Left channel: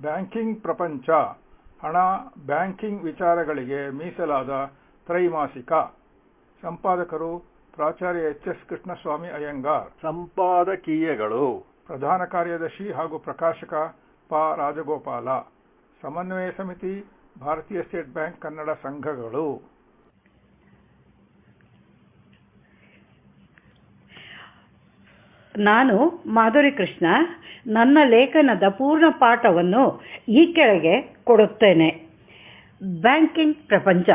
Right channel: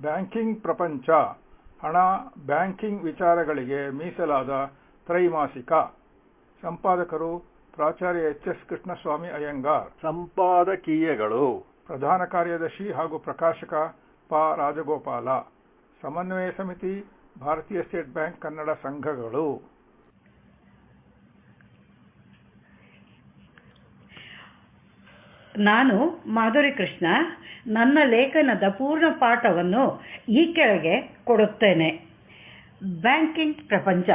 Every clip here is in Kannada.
ಬ್ಯಾಂಕಿಂಗ್ ಪ್ರಪಂಚ. ಹಣ ಬ್ಯಾಂಕಿಂಗ್ ವಿಚಾರಗಳಿಗೆ ಮೀಸಲಾದ ತ್ರೈಮಾಸಿಕ. ಸಂಪಾದಕರು ಪ್ರಾಚಾರ್ಯ ಎಚ್ ಎಸ್ ಕೃಷ್ಣಸ್ವಾಮಿ ಅಯ್ಯಂಗಾರ್. ಸಂಪಾದಕೀಯಗಳು. ಪ್ರಧಾನ ಕಾರ್ಯದರ್ಶಿ ಹಾಗೂ ಪ್ರಕಾಶಕ ಪ ರಾಜಗೋಪಾಲ. ಸಮನ್ವಯ ಸಮಿತಿ ಭಾರತೀಯ ಸ್ಟೇಟ್ ಬ್ಯಾಂಕ್ ಕನ್ನಡ ಸಂಘಗಳು. ನಾನು ಮಾಧುರಿ ಕೃಷ್ಣ ನನ್ನ ಲೇಖನದ ಪೂರ್ಣ ಪಾಠವನ್ನು ಈ ಕೆಳಗೆ ಕೊಡುತ್ತೇನೆ. ಬ್ಯಾಂಕಿಂಗ್ ಪ್ರಪಂಚ.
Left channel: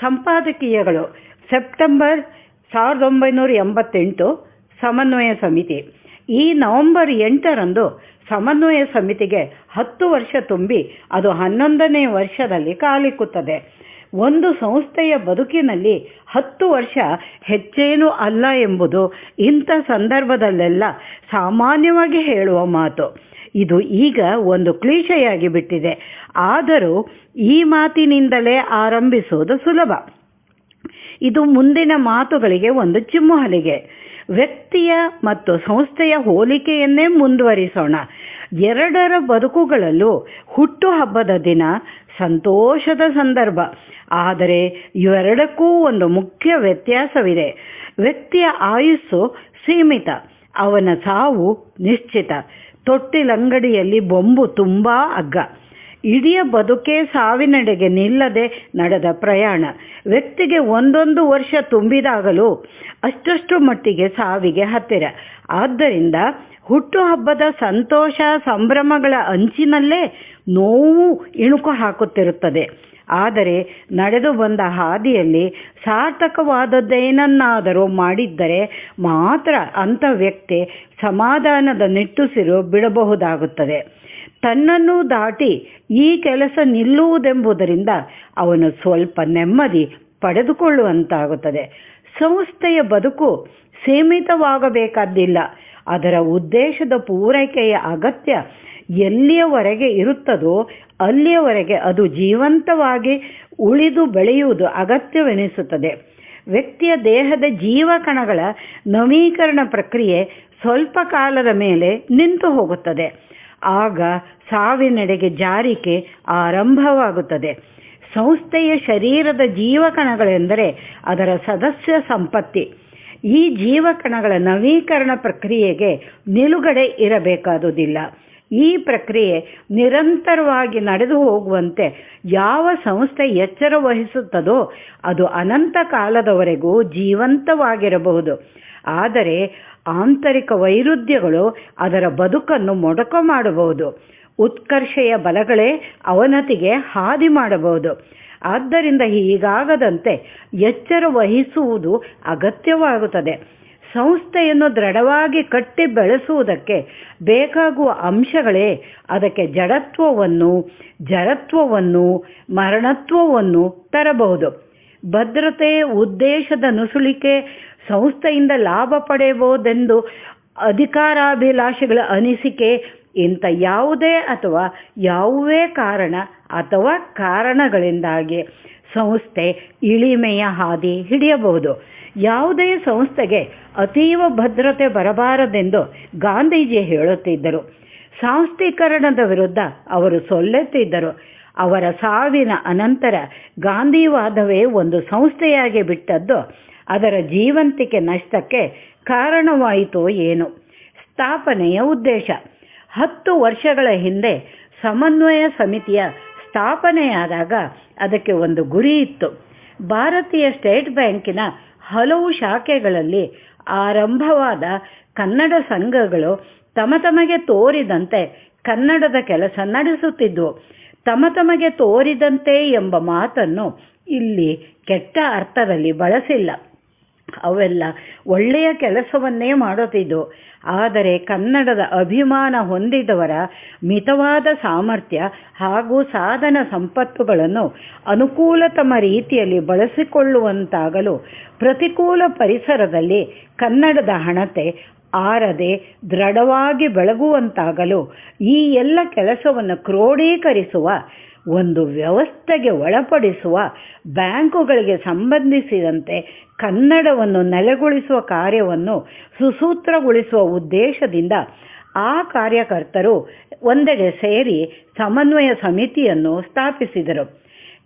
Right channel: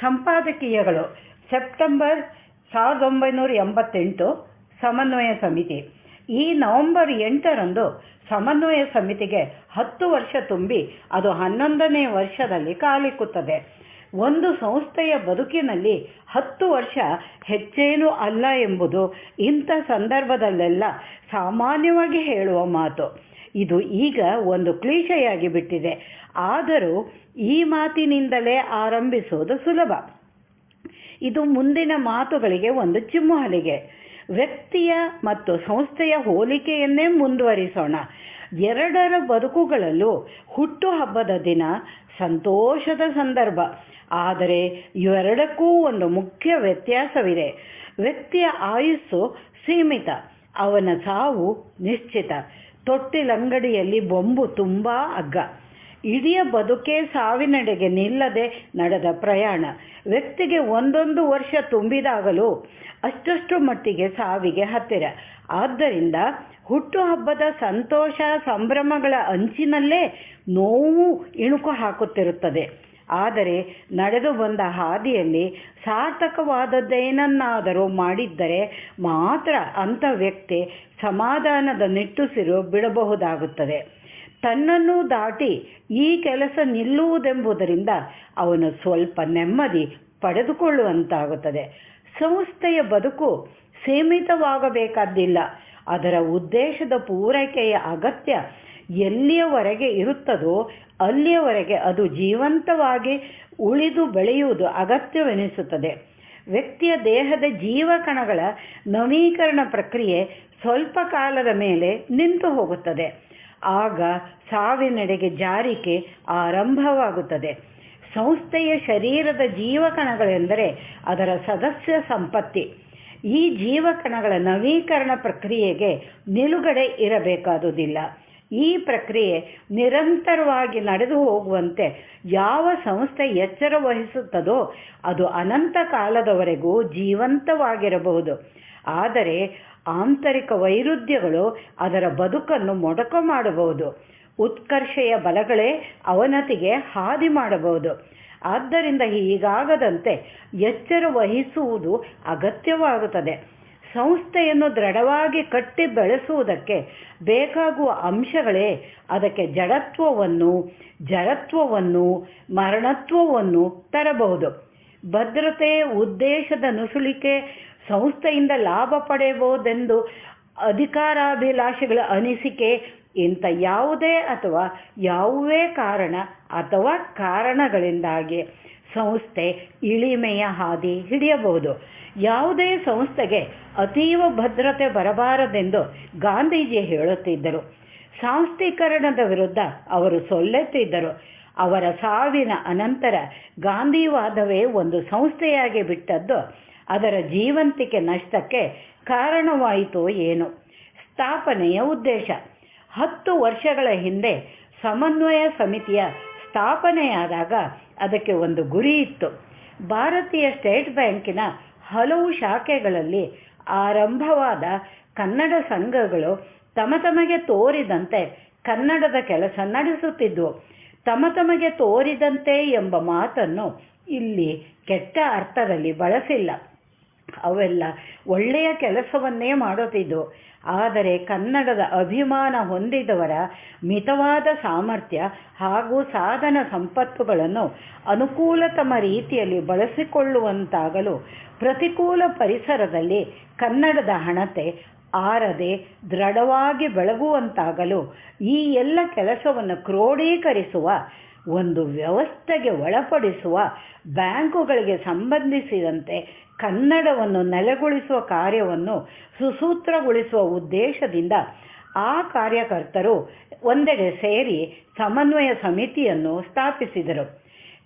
ಸಂಪಾದಕೀಯಗಳು. ಸೆಪ್ಟೆಂಬರ್ ಸಾವಿರದ ಒಂಬೈನೂರ ಎಂಬತ್ತೆಂಟು ಸಮನ್ವಯ ಸಮಿತಿ. ಈ ನವೆಂಬರ್ ಎಂಟರಂದು ಸಮನ್ವಯ ಸಮಿತಿಗೆ ಹತ್ತು ವರ್ಷ ತುಂಬಿ ಅದು ಹನ್ನೊಂದನೇ ವರ್ಷದಲ್ಲಿ ಕಾಲಿಕ್ಕುತ್ತದೆ. ಒಂದು ಸಂಸ್ಥೆಯ ಬದುಕಿನಲ್ಲಿ ಹತ್ತು ವರ್ಷ ಹೆಚ್ಚೇನೂ ಅಲ್ಲ ಎಂಬುದು ಇಂಥ ಸಂದರ್ಭದಲ್ಲೆಲ್ಲ ಸಾಮಾನ್ಯವಾಗಿ ಹೇಳುವ ಮಾತು. ಇದು ಈಗ ಒಂದು ಕ್ಲೀಶೆಯಾಗಿ ಬಿಟ್ಟಿದೆ. ಆದರೂ ಈ ಮಾತಿನಿಂದಲೇ ಆರಂಭಿಸುವುದು ಸುಲಭ. ಇದು ಮುಂದಿನ ಮಾತುಗಳಿಗೆ ಒಂದು ಚಿಮ್ಮುಹಲಿಗೆ ವ್ಯಕ್ತಿಯ ಮತ್ತು ಸಂಸ್ಥೆಯ ಹೋಲಿಕೆಯನ್ನೇ ಮುಂದುವರಿಸೋಣ. ಎರಡರ ಬದುಕುಗಳಲ್ಲೂ ಹುಟ್ಟುಹಬ್ಬದ ದಿನ ಸಂತೋಷದ ಸಂದರ್ಭ. ಆದರೆ ಇವೆರಡಕ್ಕೂ ಒಂದು ಮುಖ್ಯ ವ್ಯತ್ಯಾಸವಿದೆ. ವ್ಯಕ್ತಿಯ ಆಯುಸ್ಸು ಸೀಮಿತ, ಅವನ ಸಾವು ನಿಶ್ಚಿತ. ತೊಟ್ಟಿಲಂಗಡಿಯಲ್ಲಿ ಬೊಂಬು ತುಂಬಾ ಅಗ್ಗ. ಇಡೀ ಬದುಕೇ ಸಾವಿನೆಡೆಗೆ ನಿಲ್ಲದೆ ನಡೆದ ಪ್ರಯಾಣ. ವ್ಯಕ್ತಿಗೆ ಒಂದೊಂದು ವರ್ಷ ತುಂಬಿದಾಗಲೂ ಅಷ್ಟಷ್ಟು ಮಟ್ಟಿಗೆ ಸಾವಿಗೆ ಹತ್ತಿರ. ಆದ್ದರಿಂದ ಹುಟ್ಟುಹಬ್ಬದ ಸಂತೋಷ, ಸಂಭ್ರಮಗಳ ಅಂಚಿನಲ್ಲೇ ನೋವು ಇಣುಕು ಹಾಕುತ್ತಿರುತ್ತದೆ. ಆದರೆ ನಡೆದು ಬಂದ ಹಾದಿಯಲ್ಲಿ ಸಾರ್ಥಕವಾದದ್ದೇನನ್ನಾದರೂ ಮಾಡಿದ್ದರೆ ಮಾತ್ರ ಅಂಥ ವ್ಯಕ್ತಿ ಸಮಾಧಾನದ ನಿಟ್ಟುಸಿರು ಬಿಡಬಹುದಾಗುತ್ತದೆ. ತನ್ನನ್ನು ದಾಟಿ ಈ ಕೆಲಸ ನಿಲ್ಲುವುದೆಂಬುದರಿಂದ ಅವನು ಸ್ವಲ್ಪ ನೆಮ್ಮದಿ ಪಡೆದುಕೊಳ್ಳುವಂತಾಗುತ್ತದೆ. ಸಂಸ್ಥೆಯ ಬದುಕು ಸೀಮಿತವಾಗಬೇಕಾದ್ದಿಲ್ಲ ಅದರ ಉದ್ದೇಶದ ಪೂರೈಕೆಯ ಅಗತ್ಯ ಎಲ್ಲಿಯವರೆಗೆ ಇರುತ್ತದೋ ಅಲ್ಲಿಯವರೆಗೆ ಅದು ಜೀವಂತವಾಗಿ ಉಳಿದು ಬೆಳೆಯುವುದು ಅಗತ್ಯವೆನಿಸುತ್ತದೆ. ವ್ಯಕ್ತಿಯ ದೇಹದ ಜೀವಕಣಗಳ ನವೀಕರಣ ಪ್ರಕ್ರಿಯೆ ಸ್ವಲ್ಪ ಕಾಲದ ಮೇಲೆ ನಿಂತು ಹೋಗುತ್ತದೆ. ಆಗ ಸಾವಿನೆಡೆಗೆ ಜಾರಿಕೆ ಆರಂಭವಾಗುತ್ತದೆ. ಸಂಸ್ಥೆಯ ಶರೀರದ ಜೀವಕಣಗಳೆಂದರೆ ಅದರ ಸದಸ್ಯ ಸಂಪತ್ತಿ. ಈ ಜೀವಕಣಗಳ ನವೀಕರಣ ಪ್ರಕ್ರಿಯೆಗೆ ನಿಲುಗಡೆ ಇರಬೇಕಾದುದಿಲ್ಲ. ಈ ಪ್ರಕ್ರಿಯೆ ನಿರಂತರವಾಗಿ ನಡೆದು ಹೋಗುವಂತೆ ಯಾವ ಸಂಸ್ಥೆ ಎಚ್ಚರ ವಹಿಸುತ್ತದೋ ಅದು ಅನಂತ ಕಾಲದವರೆಗೂ ಜೀವಂತವಾಗಿರಬಹುದು. ಆದರೆ ಆಂತರಿಕ ವೈರುಧ್ಯಗಳು ಅದರ ಬದುಕನ್ನು ಮೊಡಕ ಮಾಡಬಹುದು. ಉತ್ಕರ್ಷೆಯ ಬಲಗಳೇ ಅವನತಿಗೆ ಹಾದಿ ಮಾಡಬಹುದು. ಆದ್ದರಿಂದ ಹೀಗಾಗದಂತೆ ಎಚ್ಚರ ವಹಿಸುವುದು ಅಗತ್ಯವಾಗುತ್ತದೆ. ಸಂಸ್ಥೆಯನ್ನು ದೃಢವಾಗಿ ಕಟ್ಟಿ ಬೆಳೆಸುವುದಕ್ಕೆ ಬೇಕಾಗುವ ಅಂಶಗಳೇ. ಅದಕ್ಕೆ ಜಡತ್ವವನ್ನು ಜಡತ್ವವನ್ನು, ಮರಣತ್ವವನ್ನು ತರಬಹುದು. ಭದ್ರತೆ, ಉದ್ದೇಶದ ನುಸುಳಿಕೆ, ಸಂಸ್ಥೆಯಿಂದ ಲಾಭ ಪಡೆಯಬಹುದೆಂದು ಅಧಿಕಾರಾಭಿಲಾಷೆಗಳ ಅನಿಸಿಕೆ, ಇಂಥ ಯಾವುದೇ ಅಥವಾ ಯಾವುದೇ ಕಾರಣ ಅಥವಾ ಕಾರಣಗಳಿಂದಾಗಿ ಸಂಸ್ಥೆ ಇಳಿಮೆಯ ಹಾದಿ ಹಿಡಿಯಬಹುದು. ಯಾವುದೇ ಸಂಸ್ಥೆಗೆ ಅತೀವ ಭದ್ರತೆ ಬರಬಾರದೆಂದು ಗಾಂಧೀಜಿ ಹೇಳುತ್ತಿದ್ದರು. ಸಾಂಸ್ಥೀಕರಣದ ವಿರುದ್ಧ ಅವರು ಸೊಲ್ಲೆತ್ತಿದ್ದರು ಅವರ ಸಾವಿನ ಅನಂತರ ಗಾಂಧಿವಾದವೇ ಒಂದು ಸಂಸ್ಥೆಯಾಗಿ ಬಿಟ್ಟದ್ದು. ಅದರ ಜೀವಂತಿಕೆ ನಷ್ಟಕ್ಕೆ ಕಾರಣವಾಯಿತೋ ಏನು. ಸ್ಥಾಪನೆಯ ಉದ್ದೇಶ. ಹತ್ತು ವರ್ಷಗಳ ಹಿಂದೆ ಸಮನ್ವಯ ಸಮಿತಿಯ ಸ್ಥಾಪನೆಯಾದಾಗ ಅದಕ್ಕೆ ಒಂದು ಗುರಿ ಇತ್ತು. ಭಾರತೀಯ ಸ್ಟೇಟ್ ಬ್ಯಾಂಕಿನ ಹಲವು ಶಾಖೆಗಳಲ್ಲಿ ಆರಂಭವಾದ ಕನ್ನಡ ಸಂಘಗಳು ತಮ ತಮಗೆ ತೋರಿದಂತೆ ಕನ್ನಡದ ಕೆಲಸ ನಡೆಸುತ್ತಿದ್ದವು ತಮ ತಮಗೆ ತೋರಿದಂತೆ ಎಂಬ ಮಾತನ್ನು ಇಲ್ಲಿ ಕೆಟ್ಟ ಅರ್ಥದಲ್ಲಿ ಬಳಸಿಲ್ಲ. ಅವೆಲ್ಲ ಒಳ್ಳೆಯ ಕೆಲಸವನ್ನೇ ಮಾಡುತ್ತಿದ್ದು ಆದರೆ ಕನ್ನಡದ ಅಭಿಮಾನ ಹೊಂದಿದವರ ಮಿತವಾದ ಸಾಮರ್ಥ್ಯ ಹಾಗೂ ಸಾಧನ ಸಂಪತ್ತುಗಳನ್ನು ಅನುಕೂಲತಮ ರೀತಿಯಲ್ಲಿ ಬಳಸಿಕೊಳ್ಳುವಂತಾಗಲು ಪ್ರತಿಕೂಲ ಪರಿಸರದಲ್ಲಿ ಕನ್ನಡದ ಹಣತೆ ಆರದೆ ದೃಢವಾಗಿ ಬೆಳಗುವಂತಾಗಲು ಈ ಎಲ್ಲ ಕೆಲಸವನ್ನು ಕ್ರೋಢೀಕರಿಸುವ ಒಂದು ವ್ಯವಸ್ಥೆಗೆ ಒಳಪಡಿಸುವ ಬ್ಯಾಂಕುಗಳಿಗೆ ಸಂಬಂಧಿಸಿದಂತೆ ಕನ್ನಡವನ್ನು ನೆಲೆಗೊಳಿಸುವ ಕಾರ್ಯವನ್ನು ಸುಸೂತ್ರಗೊಳಿಸುವ ಉದ್ದೇಶದಿಂದ ಆ ಕಾರ್ಯಕರ್ತರು ಒಂದೆಡೆ ಸೇರಿ ಸಮನ್ವಯ ಸಮಿತಿಯನ್ನು ಸ್ಥಾಪಿಸಿದರು.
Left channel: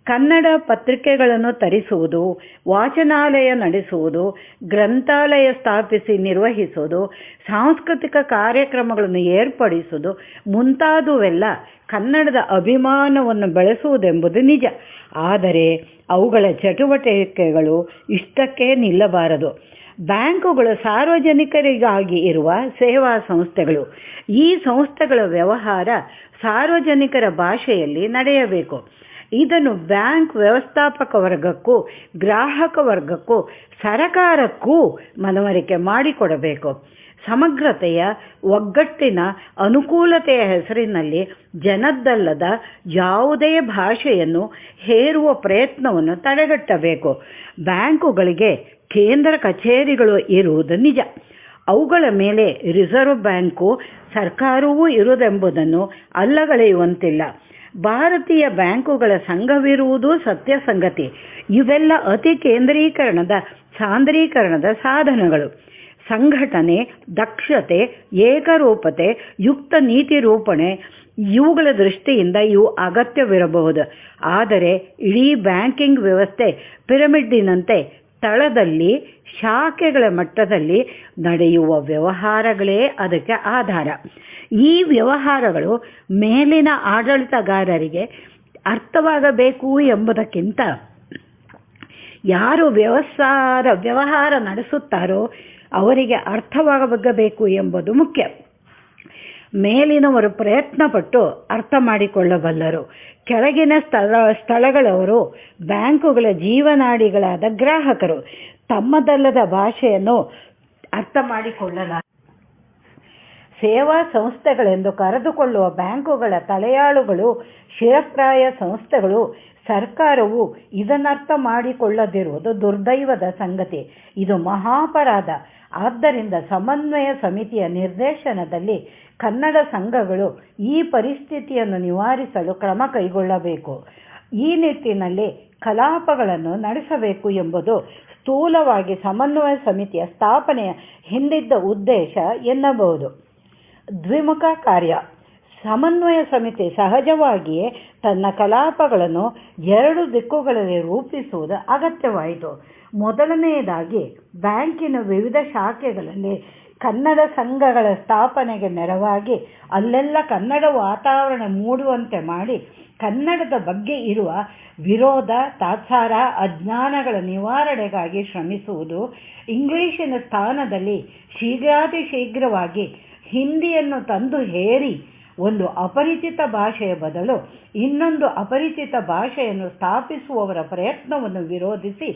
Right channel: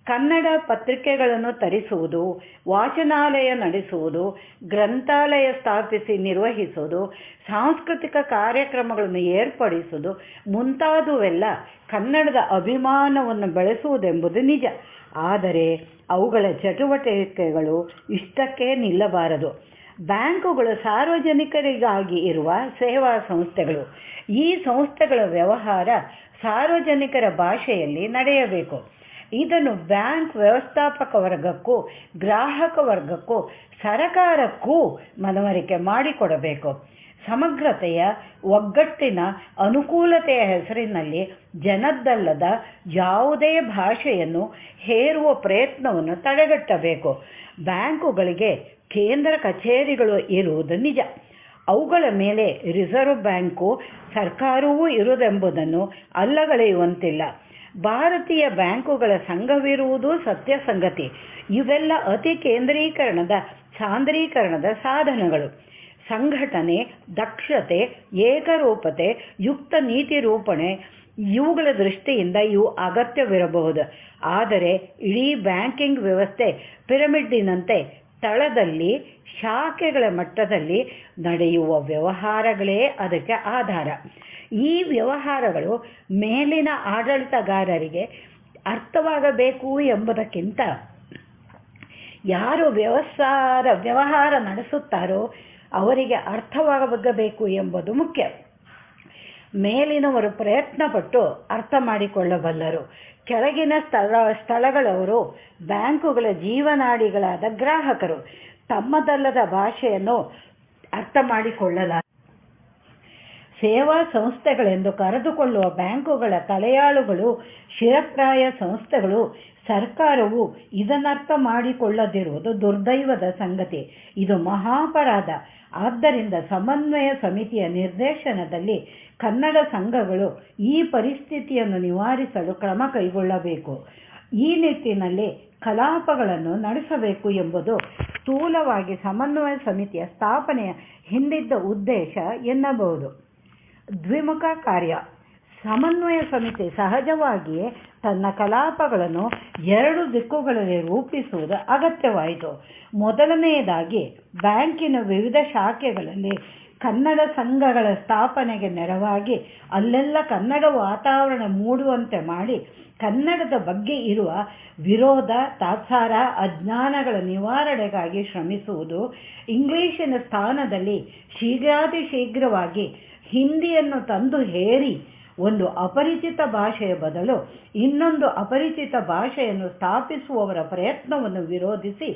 ಕನ್ನಡ ಪತ್ರಿಕೆಗಳನ್ನು ತರಿಸುವುದು, ವಾಚನಾಲಯ ನಡೆಸುವುದು, ಗ್ರಂಥಾಲಯ ಸ್ಥಾಪಿಸಿ ನಿರ್ವಹಿಸುವುದು, ಸಾಂಸ್ಕೃತಿಕ ಕಾರ್ಯಕ್ರಮಗಳನ್ನು ಏರ್ಪಡಿಸುವುದು ಮುಂತಾದುವೆಲ್ಲ ಕನ್ನಡದ ಅಭಿಮಾನವನ್ನು ಬೆಳೆಸುವುದೆಂಬುದು ನಿಜ. ಆದರೆ ಅವುಗಳ ಚಟುವಟಿಕೆಗಳು ಇಷ್ಟಕ್ಕೆ ನಿಲ್ಲಬಾರದು. ಬ್ಯಾಂಕುಗಳು ಸಾರ್ವಜನಿಕರಿಗಾಗಿ ಇರುವ ಸೇವಾ ಸಂಸ್ಥೆಗಳು, ಈ ಸಂಸ್ಥೆಗಳ ವ್ಯವಹಾರ ಸಾರ್ವಜನಿಕರ ಭಾಷೆಯಲ್ಲಿ ನಡೆಯಬೇಕು. ಇದನ್ನು ಬ್ಯಾಂಕ್ ವ್ಯವಸ್ಥಾಪಕ ವರ್ಗಕ್ಕೂ, ಗ್ರಾಹಕ ವರ್ಗಕ್ಕೂ, ಸರಕಾರಕ್ಕೂ ಮನವರಿಕೆ ಮಾಡಿಕೊಡಬೇಕು. ಸಮಗ್ರತೆಯ, ಒಗ್ಗಟ್ಟಿನ, ಅನುಕೂಲತೆಯ ಹೆಸರಿನಲ್ಲಿ ಜನದ್ದಲ್ಲದ ಯಾವುದೇ ಭಾಷೆಯನ್ನು ಹೇರುವ ಪ್ರಯತ್ನವನ್ನು ತಡೆಗಟ್ಟಬೇಕು. ಬ್ಯಾಂಕುಗಳಿಗೆ ಕೇಂದ್ರ ಕಚೇರಿಗಳು ಇರುವುದು ನಿಜ. ಅವುಗಳ ಮೇಲೆ ರಿಸರ್ವ್ ಬ್ಯಾಂಕು ಸರ್ಕಾರವೂ ಇರುವುದೆಂಬುದನ್ನು ಅಲ್ಲಗಳೆಯುವಂತಿಲ್ಲ. ಭಾರತೀಯ ಬ್ಯಾಂಕುಗಳ ಸಂಘವಿರುವುದು ಸತ್ಯ ಸಂಗತಿ ಇವೆಲ್ಲ ಅತಿ ಕೇಂದ್ರೀಕರಣದ ಸಾಂದ್ರೀಕರಣದ ಸಾಧನಗಳು. ಸಂಘಟನೆ, ದಕ್ಷತೆ, ಏಕರೂಪತೆ, ಯುಕ್ತ ನೀತಿ ರೂಪಣೆ, ಇವುಗಳ ದೃಷ್ಟಿಯಿಂದ ಇವು ಅಗತ್ಯವಿರಬಹುದು. ಆದರೆ ಇಡೀ ಬ್ಯಾಂಕಿಂಗ್ ವ್ಯವಸ್ಥೆ ಪಿರಮಿಡ್ಡಿನಂತೆ ತಳದಲ್ಲಿ ಶಾಖೆಗಳ ಮಟ್ಟದಲ್ಲಿ ನಡೆಯುವ ವ್ಯವಹಾರಗಳೇ ಅದಕ್ಕೆ ಆಧಾರ. ಈ ವ್ಯವಹಾರಗಳು ಮೇಲಿನ ಆಡಳಿತಗಾರರಿಗೆ ಅರ್ಥವಾಗಬೇಕು ಎಂಬುದಕ್ಕಿಂತ ಯಾರು ವ್ಯವಸಾರ, ವ್ಯವಹಾರ ನಡೆಸುತ್ತಾರೋ ಅವರಿಗೆ ಅರ್ಥವಾಗಬೇಕು ಎಂಬುದು ಮುಖ್ಯ. ಮೇಲಿನವರು ಪ್ರಯತ್ನಪಟ್ಟು ಅರ್ಥ ಮಾಡಿಕೊಳ್ಳಬಲ್ಲರು. ಕೆಳಗಿನ ಸ್ಥಳ, ಸ್ಥಳಗಳವರು ಬ್ಯಾಂಕುಗಳ ಜೀವನಾಡಿಗಳಾದ ಗ್ರಾಹಕರು. ತಮ್ಮದಲ್ಲದ ಭಾಷೆಯನ್ನು ಅರ್ಥ ಮಾಡಿಕೊಳ್ಳಲ. ಸೇವಾ ಸಂಸ್ಥೆಗಳೆಂದು ಕರೆದುಕೊಳ್ಳುವ ಬ್ಯಾಂಕುಗಳ ತಲೆಯಾಳುಗಳು ಶಿರಪ್ರಾಯ ಸಂಸ್ಥೆಗಳು, ಸರ್ಕಾರವು ಇದನ್ನರ್ಥ ಮಾಡಿಕೊಳ್ಳದಿರುವುದು ದುರ್ದೈವದ ಸಂಗತಿ. ಇದು ಮಹಾಪರಾಧ. ಆದ್ದರಿಂದ ಸಮನ್ವಯ ಸಮಿತಿಯ ನಿರ್ದೇಶನದಲ್ಲಿ ಕನ್ನಡ ಸಂಘಗಳು ಈ ಪರಿಸ್ಥಿತಿಯನ್ನು ನಿವಾರಿಸಲು ಕ್ರಮ ಕೈಗೊಳ್ಳಬೇಕು. ಈ ನಿಟ್ಟಿನಲ್ಲಿ ಕಲಾಪಗಳನ್ನು ನಡೆಸಬೇಕು ಎಂಬುದು ಸ್ಥೂಲವಾಗಿ ಸಮನ್ವಯ ಸಮಿತಿಯ ಸ್ಥಾಪನೆಯ ಹಿಂದಿದ್ದ ಉದ್ದೇಶ ಎನ್ನಬಹುದು. ದ್ವಿಮುಖ ಕಾರ್ಯ. ಸಮನ್ವಯ ಸಮಿತಿ ಸಹಜವಾಗಿಯೇ ತನ್ನ ಕಲಾಪಗಳನ್ನು ಎರಡು ದಿಕ್ಕುಗಳಲ್ಲಿ ರೂಪಿಸುವುದು ಅಗತ್ಯವಾಯಿತು. ಮೊದಲನೆಯದಾಗಿ ಬ್ಯಾಂಕಿನ ವಿವಿಧ ಶಾಖೆಗಳಲ್ಲಿ ಕನ್ನಡ ಸಂಘಗಳ ಸ್ಥಾಪನೆಗೆ ನೆರವಾಗಿ ಅಲ್ಲೆಲ್ಲ ಕನ್ನಡ ವಾತಾವರಣ ಮೂಡುವಂತೆ ಮಾಡಿ ಕನ್ನಡದ ಬಗ್ಗೆ ಇರುವ ವಿರೋಧ, ತಾತ್ಸಾರ, ಅಜ್ಞಾನಗಳ ನಿವಾರಣೆಗಾಗಿ ಶ್ರಮಿಸುವುದು ಇಂಗ್ಲೀಷಿನ ಸ್ಥಾನದಲ್ಲಿ ಶೀಘ್ರಾತಿ ಶೀಘ್ರವಾಗಿ ಹಿಂದಿಯನ್ನು ತಂದು ಹೇರಿ ಒಂದು ಅಪರಿಚಿತ ಭಾಷೆಯ ಬದಲು ಇನ್ನೊಂದು ಅಪರಿಚಿತ ಭಾಷೆಯನ್ನು ಸ್ಥಾಪಿಸುವವರ ಪ್ರಯತ್ನವನ್ನು ವಿರೋಧಿಸಿ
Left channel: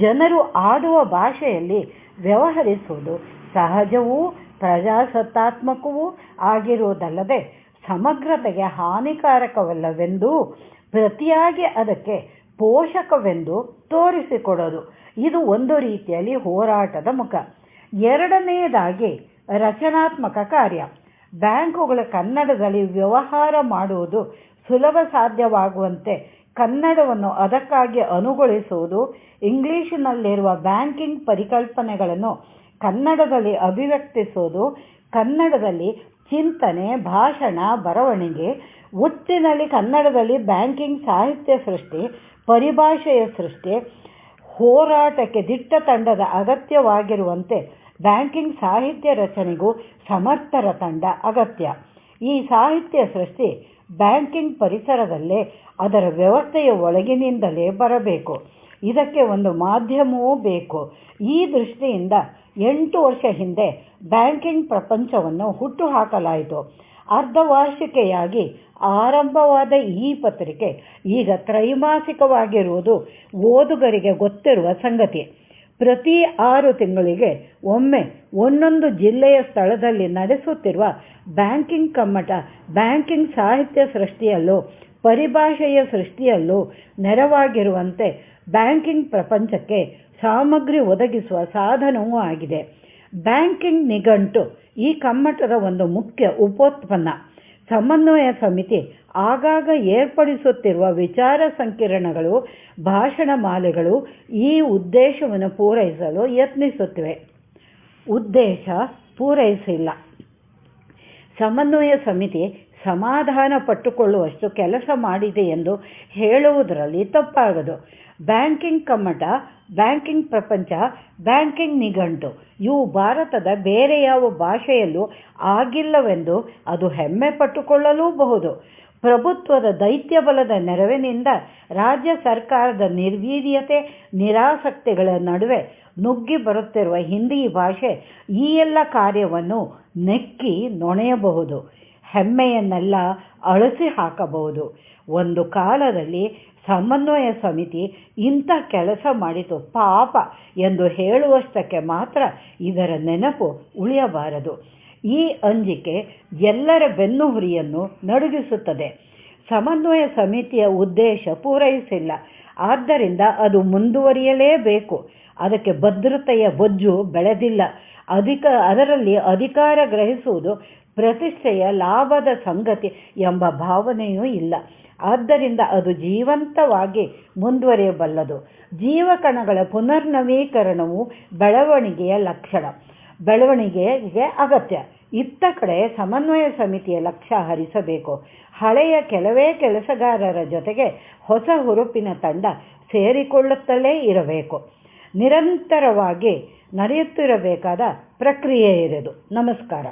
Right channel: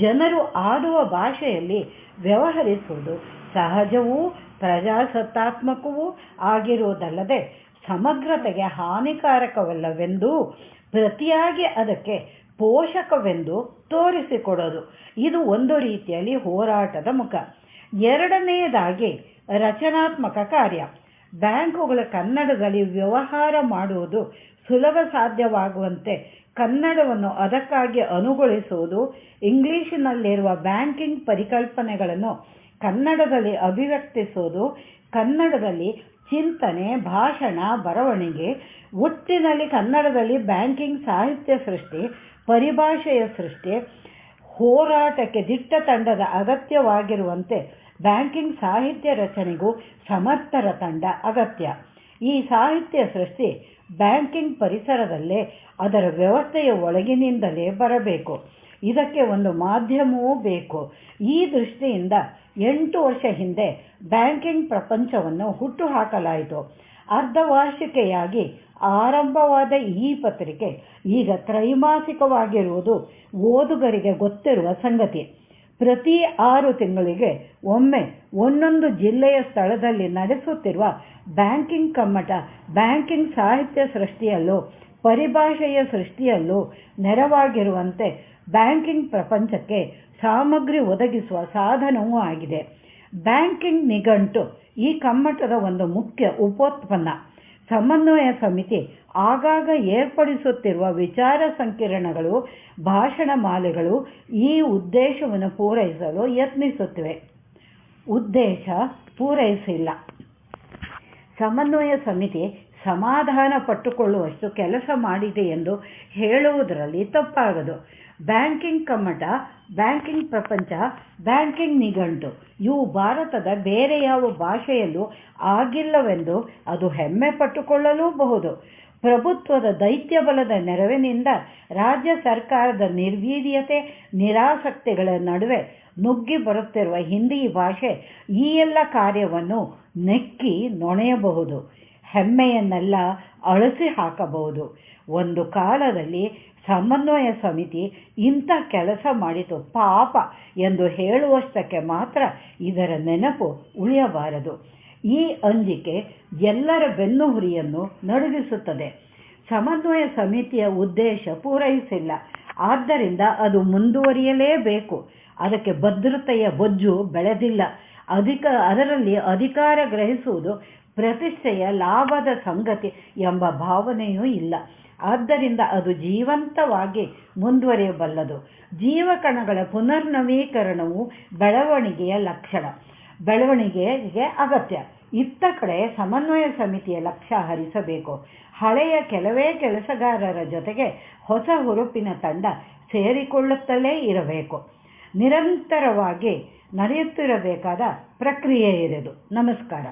ಜನರು ಆಡುವ ಭಾಷೆಯಲ್ಲಿ ವ್ಯವಹರಿಸುವುದು ಸಹಜವೂ ಪ್ರಜಾಸತ್ತಾತ್ಮಕವೂ ಆಗಿರುವುದಲ್ಲದೆ ಸಮಗ್ರತೆಗೆ ಹಾನಿಕಾರಕವಲ್ಲವೆಂದೂ ಪ್ರತಿಯಾಗಿ ಅದಕ್ಕೆ ಪೋಷಕವೆಂದು ತೋರಿಸಿಕೊಡೋದು. ಇದು ಒಂದು ರೀತಿಯಲ್ಲಿ ಹೋರಾಟದ ಮುಖ. ಎರಡನೆಯದಾಗಿ ರಚನಾತ್ಮಕ ಕಾರ್ಯ. ಬ್ಯಾಂಕುಗಳ ಕನ್ನಡದಲ್ಲಿ ವ್ಯವಹಾರ ಮಾಡುವುದು ಸುಲಭ ಸಾಧ್ಯವಾಗುವಂತೆ ಕನ್ನಡವನ್ನು ಅದಕ್ಕಾಗಿ ಅನುಗೊಳಿಸುವುದು ಇಂಗ್ಲಿಶಿನಲ್ಲಿರುವ ಬ್ಯಾಂಕಿಂಗ್ ಪರಿಕಲ್ಪನೆಗಳನ್ನು ಕನ್ನಡದಲ್ಲಿ ಅಭಿವ್ಯಕ್ತಿಸುವುದು, ಕನ್ನಡದಲ್ಲಿ ಚಿಂತನೆ, ಭಾಷಣ, ಬರವಣಿಗೆ, ಒಟ್ಟಿನಲ್ಲಿ ಕನ್ನಡದಲ್ಲಿ ಬ್ಯಾಂಕಿಂಗ್ ಸಾಹಿತ್ಯ ಸೃಷ್ಟಿ, ಪರಿಭಾಷೆಯ ಸೃಷ್ಟಿ, ಹೋರಾಟಕ್ಕೆ ದಿಟ್ಟ ತಂಡದ ಅಗತ್ಯವಾಗಿರುವಂತೆ ಬ್ಯಾಂಕಿಂಗ್ ಸಾಹಿತ್ಯ ರಚನೆಗೂ ಸಮರ್ಥರ ತಂಡ ಅಗತ್ಯ. ಈ ಸಾಹಿತ್ಯ ಸೃಷ್ಟಿ ಬ್ಯಾಂಕಿಂಗ್ ಪರಿಸರದಲ್ಲೇ ಅದರ ವ್ಯವಸ್ಥೆಯ ಒಳಗಿನಿಂದಲೇ ಬರಬೇಕು. ಇದಕ್ಕೆ ಒಂದು ಮಾಧ್ಯಮವೂ ಬೇಕು. ಈ ದೃಷ್ಟಿಯಿಂದ ಎಂಟು ವರ್ಷ ಹಿಂದೆ ಬ್ಯಾಂಕಿಂಗ್ ಪ್ರಪಂಚವನ್ನು ಹುಟ್ಟುಹಾಕಲಾಯಿತು. ಅರ್ಧವಾರ್ಷಿಕೆಯಾಗಿ ಆರಂಭವಾದ ಈ ಪತ್ರಿಕೆ ಈಗ ತ್ರೈಮಾಸಿಕವಾಗಿರುವುದು ಓದುಗರಿಗೆ ಗೊತ್ತಿರುವ ಸಂಗತಿ. ಪ್ರತಿ ಆರು ತಿಂಗಳಿಗೆ ಒಮ್ಮೆ ಒಂದೊಂದು ಜಿಲ್ಲೆಯ ಸ್ಥಳದಲ್ಲಿ ನಡೆಸುತ್ತಿರುವ ಬ್ಯಾಂಕಿಂಗ್ ಕಮ್ಮಟ, ಬ್ಯಾಂಕಿಂಗ್ ಸಾಹಿತ್ಯ ಸೃಷ್ಟಿಯಲ್ಲೂ ಪರಿಭಾಷೆಯ ಸೃಷ್ಟಿಯಲ್ಲೂ ನೆರವಾಗಿರುವಂತೆ ಬ್ಯಾಂಕಿಂಗ್ ಪ್ರಪಂಚಕ್ಕೆ ಸಾಮಗ್ರಿ ಒದಗಿಸುವ ಸಾಧನವೂ ಆಗಿದೆ. ಬ್ಯಾಂಕಿಂಗ್ ನಿಘಂಟು, ಈ ಕಮ್ಮಟದ ಒಂದು ಮುಖ್ಯ ಉಪೋತ್ಪನ್ನ. ಸಮನ್ವಯ ಸಮಿತಿ ಆಗಾಗ ಏರ್ಪಡಿಸುತ್ತಿರುವ ವಿಚಾರ ಸಂಕಿರಣಗಳು, ಭಾಷಣ ಮಾಲೆಗಳು ಈ ಉದ್ದೇಶವನ್ನು ಪೂರೈಸಲು ಯತ್ನಿಸುತ್ತಿವೆ. ಉದ್ದೇಶ ಪೂರೈಸಿಲ್ಲ. ಸಮನ್ವಯ ಸಮಿತಿ ಸಮಾಧಾನ ಪಟ್ಟುಕೊಳ್ಳುವಷ್ಟು ಕೆಲಸ ಮಾಡಿದೆ ಎಂದು ಹೇಳುವುದರಲ್ಲಿ ತಪ್ಪಾಗದು. ಬ್ಯಾಂಕಿಂಗ್ ಕಮ್ಮಟ, ಬ್ಯಾಂಕಿಂಗ್ ಪ್ರಪಂಚ, ಬ್ಯಾಂಕಿಂಗ್ ನಿಘಂಟು, ಇವು ಭಾರತದ ಬೇರೆ ಯಾವ ಭಾಷೆಯಲ್ಲೂ ಆಗಿಲ್ಲವೆಂದು ಅದು ಹೆಮ್ಮೆ ಪಟ್ಟುಕೊಳ್ಳಲೂಬಹುದು. ಪ್ರಭುತ್ವದ ದೈತ್ಯ ಬಲದ ನೆರವಿನಿಂದ ರಾಜ್ಯ ಸರ್ಕಾರದ ನಿರ್ವೀರ್ಯತೆ, ನಿರಾಸಕ್ತಿಗಳ ನಡುವೆ ನುಗ್ಗಿ ಬರುತ್ತಿರುವ ಹಿಂದಿ ಭಾಷೆ ಈ ಎಲ್ಲ ಕಾರ್ಯವನ್ನು ನೆಕ್ಕಿ ನೊಣೆಯಬಹುದು. ಹೆಮ್ಮೆಯನ್ನೆಲ್ಲ ಅಳಿಸಿ ಹಾಕಬಹುದು. ಒಂದು ಕಾಲದಲ್ಲಿ ಸಮನ್ವಯ ಸಮಿತಿ ಇಂಥ ಕೆಲಸ ಮಾಡಿತು ಪಾಪ ಎಂದು ಹೇಳುವಷ್ಟಕ್ಕೆ ಮಾತ್ರ ಇದರ ನೆನಪು ಉಳಿಯಬಾರದು. ಈ ಅಂಜಿಕೆ ಎಲ್ಲರ ಬೆನ್ನುಹುರಿಯನ್ನು ನಡುಗಿಸುತ್ತದೆ. ಸಮನ್ವಯ ಸಮಿತಿಯ ಉದ್ದೇಶ ಪೂರೈಸಿಲ್ಲ. ಆದ್ದರಿಂದ ಅದು ಮುಂದುವರಿಯಲೇಬೇಕು. ಅದಕ್ಕೆ ಭದ್ರತೆಯ ಬೊಜ್ಜು ಬೆಳೆದಿಲ್ಲ. ಅಧಿಕ ಅದರಲ್ಲಿ ಅಧಿಕಾರ ಗ್ರಹಿಸುವುದು ಪ್ರತಿಷ್ಠೆಯ ಲಾಭದ ಸಂಗತಿ ಎಂಬ ಭಾವನೆಯೂ ಇಲ್ಲ. ಆದ್ದರಿಂದ ಅದು ಜೀವಂತವಾಗಿ ಮುಂದುವರಿಯಬಲ್ಲದು. ಜೀವಕಣಗಳ ಪುನರ್ನವೀಕರಣವು ಬೆಳವಣಿಗೆಯ ಲಕ್ಷಣ. ಬೆಳವಣಿಗೆಗೆ ಅಗತ್ಯ. ಇತ್ತ ಕಡೆ ಸಮನ್ವಯ ಸಮಿತಿಯ ಲಕ್ಷ್ಯ ಹರಿಸಬೇಕು. ಹಳೆಯ ಕೆಲವೇ ಕೆಲಸಗಾರರ ಜೊತೆಗೆ ಹೊಸ ಹುರುಪಿನ ತಂಡ ಸೇರಿಕೊಳ್ಳುತ್ತಲೇ ಇರಬೇಕು. ನಿರಂತರವಾಗಿ ನಡೆಯುತ್ತಿರಬೇಕಾದ ಪ್ರಕ್ರಿಯೆ ಇರದು ನಮಸ್ಕಾರ.